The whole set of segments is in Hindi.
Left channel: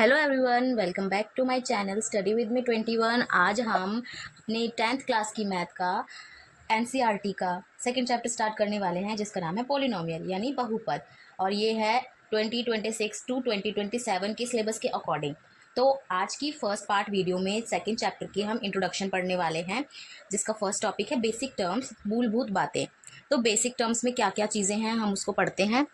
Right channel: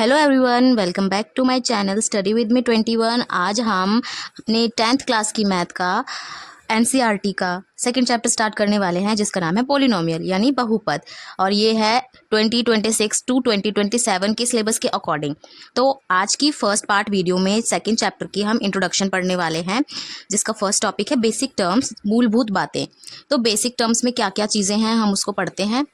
Hello everyone, welcome back to my channel study with me 21। आज हम अपने 10th क्लास की मैथ का एनसीईआरटी का सेकंड चैप्टर स्टार्ट करने वाले हैं, जिसका नाम है पॉलिनोमियल यानी बहुपद। और ये है 2026 टू 2027 के सिलेबस के अकॉर्डिंग। तो आज की फर्स्ट पार्ट वीडियो में सेकंड चैप्टर की हम इंट्रोडक्शन पढ़ने वाले हैं, जिसका फर्स्ट टॉपिक है बेसिक टर्म्स, मूलभूत बातें। तो बेसिक टर्म्स में क्या क्या चीज़ें हैं हम उसको पढ़ते हैं।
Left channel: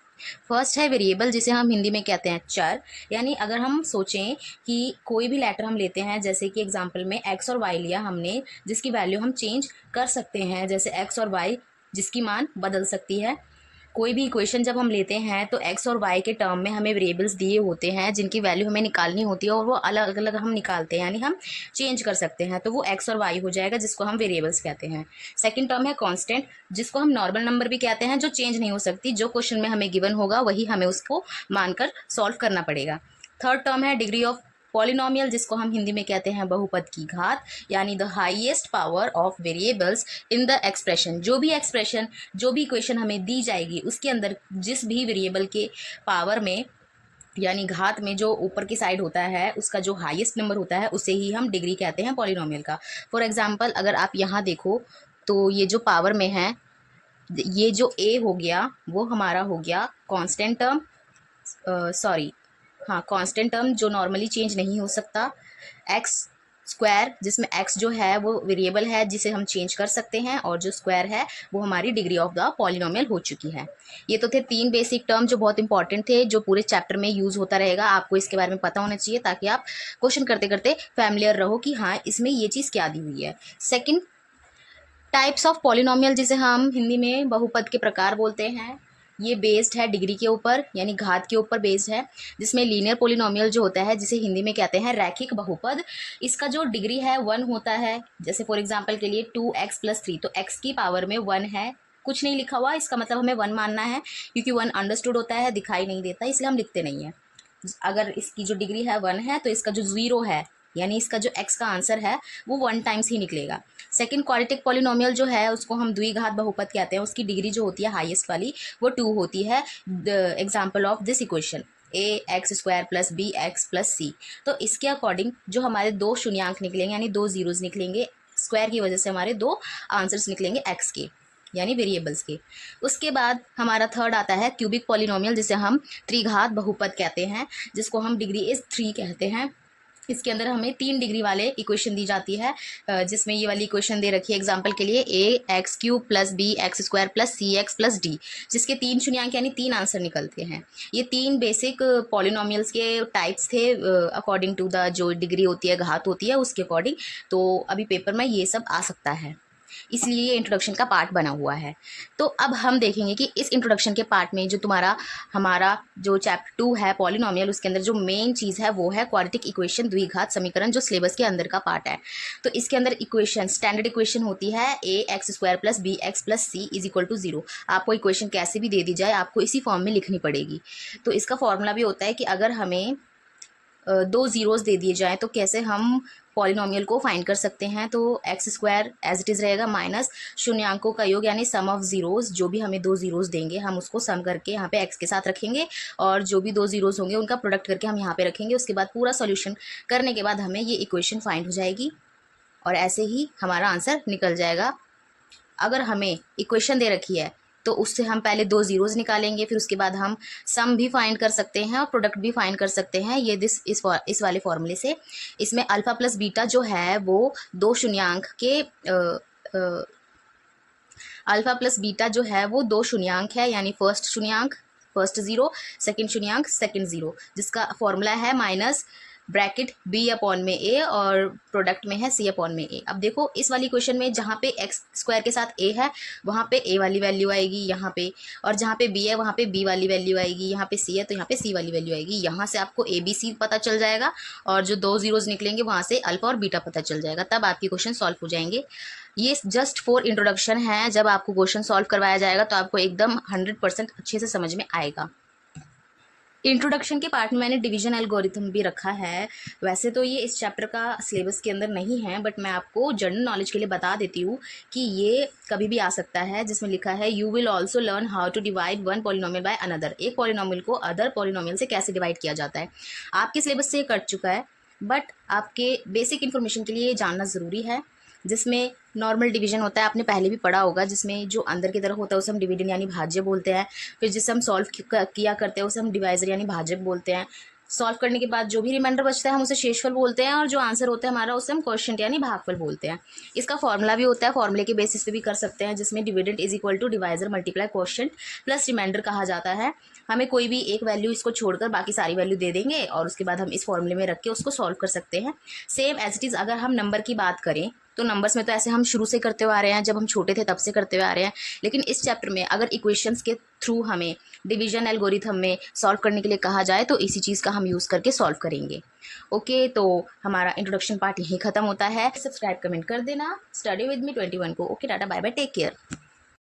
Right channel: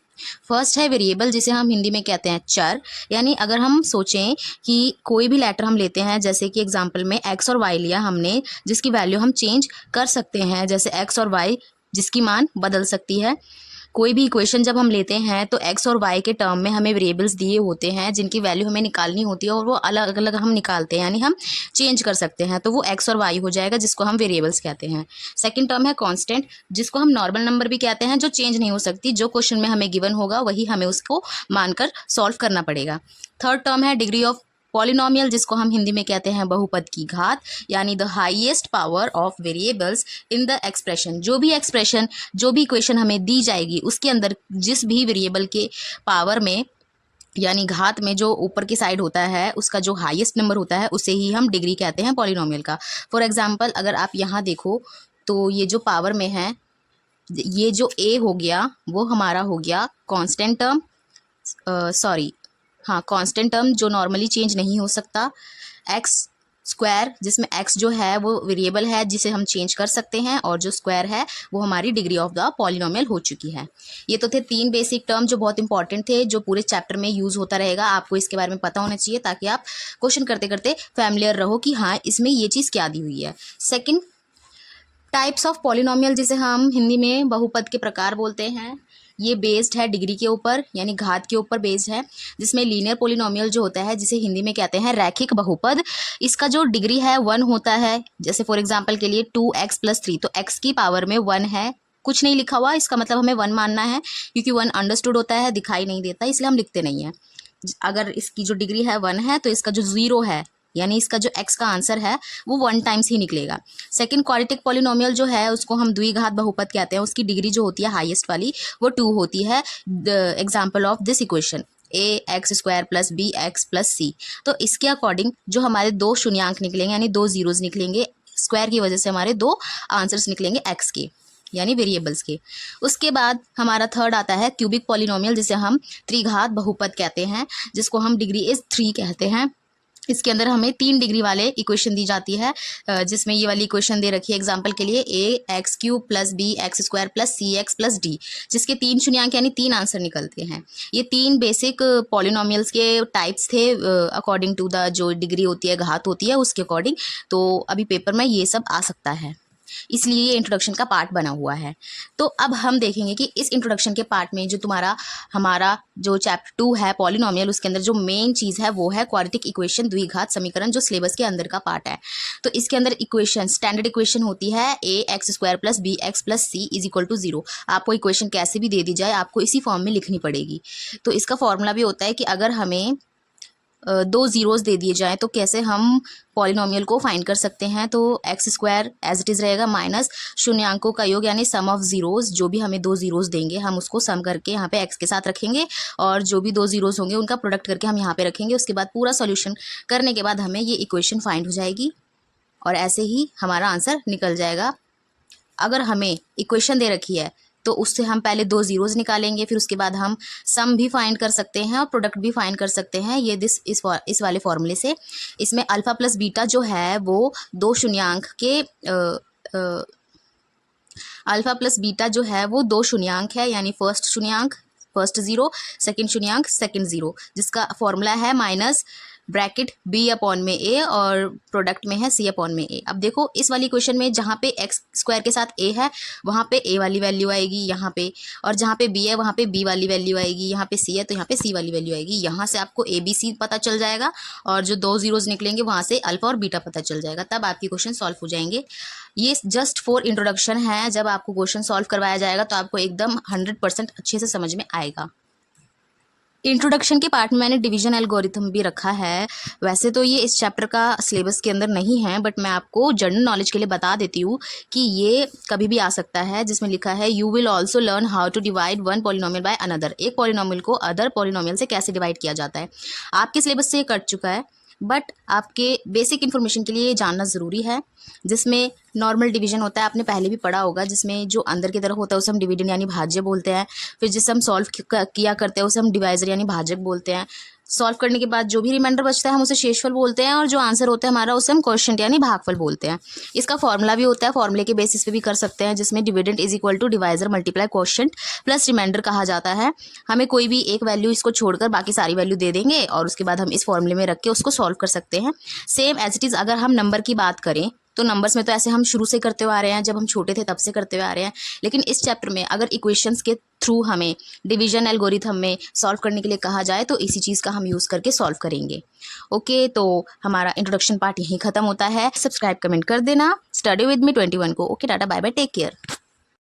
फर्स्ट है वेरिएबल, जिसे हम हिंदी में कहते हैं चर। यानी अगर हम सोचें कि कोई भी लेटर हम लेते हैं, जैसे कि एग्जांपल में एक्स और वाई लिया हमने, जिसकी वैल्यू हम चेंज कर सकते हैं, जैसे एक्स और वाई जिसकी मान बदल सकती है। कोई भी इक्वेशन जब हम लेते हैं तो एक्स और वाई के टर्म में हमें वेरिएबल्स दिए होते हैं जिनकी वैल्यू हमें निकालनी होती है, और वो अलग अलग हम निकालते हैं, यानी हम चेंज कर सकते हैं। तो वो एक्स और वाई हो जाएगा, जिसको हम वेरिएबल्स कहते हैं। सेकंड टर्म है कांस्टेंट, जिसको हम नॉर्मल नंबर भी कहते हैं, जो चेंज नहीं हो सकती। जो क्वेश्चन में हमें गिवन होगा वही हमें उसको मानकर सॉल्व करना पड़ेगा। थर्ड टर्म है डिग्री ऑफ पॉलिनोमियल, जिसको हम हिंदी में कहते हैं बहुपद की घात, यानी the highest power of variables in the expression. जो भी इक्वेशन हमें दी जाएगी उसके अंदर जिस भी वेरिएबल के पावर में यानी घात में जो ऊपर की साइड होता है, उसका जो हाईएस्ट नंबर होता है, उसे ही हम डिग्री कहते हैं पॉलिनोमियल का। फॉर एग्जाम्पल अगर आप यहाँ देखो तो ये जो पावर में है, ये जो ए हो गया वो हमारा हो गया कांस्टेंट टर्म, कांस्टेंट टर्म जो नॉर्मली चेंज नहीं हो सकता। एक्स स्क्वायर, जिसमें एक्स जो है वो वेरिएबल है जिसे हम चेंज कर सकते हैं, और जो स्क्वायर है वो हमारी डिग्री ऑफ द पॉलिनोमियल हो चुकी है। ये तो थे 3 बेसिक टर्म जो बहुत इंपॉर्टेंट थे, जो पूरे चैप्टर में यूज़ होता रहेगा। आपको इसके बारे में पता होना चाहिए ताकि आप क्वेश्चन करते करते फैमिलियर रहो कि हाँ इसमें ये चीज़ क्या दी हुई है। सेकेंड, टाइप्स ऑफ पॉलिनोमियल, जिसे हम हिंदी में बहुपद के प्रकार बोलते हैं। ये बेस्ड है डिग्री के ऊपर, यानी घात के ऊपर बेस्ड है। जिसमें लीनियर पॉलिनोमियल जो होता है, जिसे हिंदी में कहते हैं रैखिक बहुपद, इसका जो डिग्री है 1 होता है। जैसे फॉर एग्जांपल के लिए 2x+3, तो x की पावर में 1 है, कुछ नहीं लिखा हुआ, इसका मतलब हमें 1 मानना है, क्योंकि 1 अंडरस्टूड होता है, दिखाई नहीं देता, इसलिए हम लिखते नहीं हैं। अगर इसकी जो डिग्री है 1 है, तो इसका जो 0 है, यानी इसका जो x का आंसर है वो 1 टाइम्स ही निकलेगा। सेकंड, क्वाड्रेटिक पॉलिनोमियल जो है उसको हम द्विघात बहुपद कहते हैं। उसकी डिग्री जो होती है हाईएस्ट वाली वो 2 होती है। Example of this equation ax² + bx + c। तो इसके अकॉर्डिंग जो हमारे 2 शून्यांक निकलेंगे, यानी 2 जीरोज निकलेंगे, स्क्वायर की वजह से हमारे 2 आंसर्स निकलेंगे x के, यानी वेरिएबल्स के। उसके बाद हमारा थर्ड आता है क्यूबिक पॉलिनोमियल, जिसे हम त्रिघात बहुपद कहते हैं, जिसको हम डिग्री इज 3 कहते हैं। इसके अंदर हमें 3 डिग्री वाले इक्वेशन दी जाती है, जिसमें ये वाली इक्वेशन दे रखी है एग्जांपल के लिए ax³ + bx² + cx + d, जिसके 3 शून्यांक यानी 3 आंसर निकलते हैं। ये 3 बेसिक पॉलिनोमियल्स के टाइप्स थे, अकॉर्डिंग टू द जो डिग्री होती है, घात होती है, उसके अकॉर्डिंग। तो अभी पेपर में ये सब आ सकता है, इसलिए ये इंट्रोडक्शन का पार्ट बना हुआ है। तो अब हम देखेंगे कि इस इंट्रोडक्शन के पार्ट में जो हमारा जो चैप्टर 2 है पॉलिनोमियल, उसके अंदर जो मेन चीज़ है वो है क्वाड्रेटिक इक्वेशन, द्विघात समीकरण, जो सिलेबस के अंदर का पार्ट है। तो इसके अंदर इक्वेशन, स्टैंडर्ड इक्वेशन होती है ax² + bx + c = 0। आपको इक्वेशन कैसे भी दे दी जाए, आपको इसी फॉर्म में लिखनी पड़ेगी। तो इसका फॉर्मूला भी होता है कि अगर हमें 2 जीरोस दे दिए जाएँ तो कैसे हम पॉलिनोमियल को फाइंड कर सकते हैं। तो x² एज इट इज़ रहेगा माइनस शून्यांकों का योग, यानी सम ऑफ जीरोस। जो भी हमें 2 जीरोस देंगे हम उसको सम करके यहाँ पे x के साथ रखेंगे, और जो भी 2 जीरोस होंगे उनका प्रोडक्ट करके हम यहाँ पे रखेंगे। उसके बाद पूरा सोल्यूशन करने के बाद हमें ये इक्वेशन फाइंड हो जाएगी, और ऐसे ही हमारा आंसर निकल जाएगा। अगर हमें इक्वेशन दे रखी है तो उससे हम पहले 2 जीरोस निकालेंगे, फिर उसके बाद हम सम भी फाइंड कर सकते हैं और प्रोडक्ट भी फाइंड कर सकते हैं, ये इस वाले फॉर्मूले से। इसमें अल्फा प्लस बीटा जो है वो 2 शून्यांक के अल्फा प्लस बीटा जो है वो 2 शून्यांक है, यानी फर्स्ट शून्यांक फर्स्ट जीरो, सेकंड शून्यांक सेकंड जीरो, जिसका फॉर्मूला है माइनस ब्रैकेट b/a और प्रोडक्ट में है c/a। अब देखो इस वाली क्वेश्चन में जहाँ पे x² के साथ a है वहाँ पे a वाली वैल्यू आएगी यहाँ पे, और जहाँ पे b है वहाँ पे b वाली वैल्यू आएगी, यहाँ पे c है तो यहाँ पे c वाली वैल्यू आएगी। यहाँ से आपको a b c पता चल जाएगा, और जो 2 जीरोज निकलेंगे वहाँ से अल्फा और बीटा पता चल जाएगा, तब आपके क्वेश्चन सॉल्व हो जाएंगे। ये जस्ट फॉर इंट्रोडक्शन है, जब आपको क्वेश्चन सॉल्व करवाया जाएगा तो आपको एकदम 100% अच्छे से समझ में आएगा। इंट्रोडक्शन के पार्ट में मैंने डिवीजन एल्गोरिथम भी रखा है। वैसे तो ये इस चैप्टर का सिलेबस के अंदर नहीं है, बट मैं आपको जनरल नॉलेज के लिए बता देती हूँ कि ये कभी भी आ सकता है, जिसमें लिखा है you will also learn how to divide one polynomial by another. एक पॉलिनोमियल को अदर पॉलिनोमियल से कैसे डिवाइड किया जाता है, आपके सिलेबस से ये कट चुका है, बट आपके बेसिक इन्फॉर्मेशन के लिए ये जानना ज़रूरी है। जिसमें नॉर्मल डिवीजन होता है, आपने पहले भी पढ़ा होगा, जिसमें जो अंदर की तरफ होता है उसे हम डिविडेंड यानी भाज्य बोलते हैं। फिर जिसे हम सॉल्व किया करते हैं उसे हम डिवाइजर यानी भाजक बोलते हैं। सॉल्व करने के बाद जो भी रिमाइंडर बचता है हम उसे शेषफल बोलते हैं, और जो आंसर होता है हमारा उसे हम क्वोशिएंट यानी भागफल बोलते हैं। इसका फॉर्मूला भी होता है, फॉर्मूले के बेसिस पे भी कर सकते हैं, जिसमें dividend is equal to divisor multiply quotient plus remainder कहा जाता है। हमें कोई भी एक वैल्यू इसको छोड़कर बाकी सारी वैल्यू दे देंगे और उसके बाद हम इस फॉर्मूले में रख के उसको सॉल्व कर सकते हैं। सेम एज इट इज़ अगर हम नंबर की बात करें तो नंबर्स में तो ऐसे हम शुरू से करते हुए आ रहे हैं, जब हम छोटे थे तब से करते हुए आ रहे हैं। लेकिन इस चैप्टर में अगर इक्वेशंस के थ्रू हमें डिवीजन एल्गोरिथम में सॉल्व करने के लिए कहा जाए तो इसी चीज़ का हम यूज़ करके सॉल्व करेंगे। ओके, तो हमारा इंट्रोडक्शन पार्ट यहीं ख़त्म होता है। सब्सक्राइब कमेंट कर देना। स्टडी विद मी 21 को। ओके, टाटा बाय बाय, टेक केयर।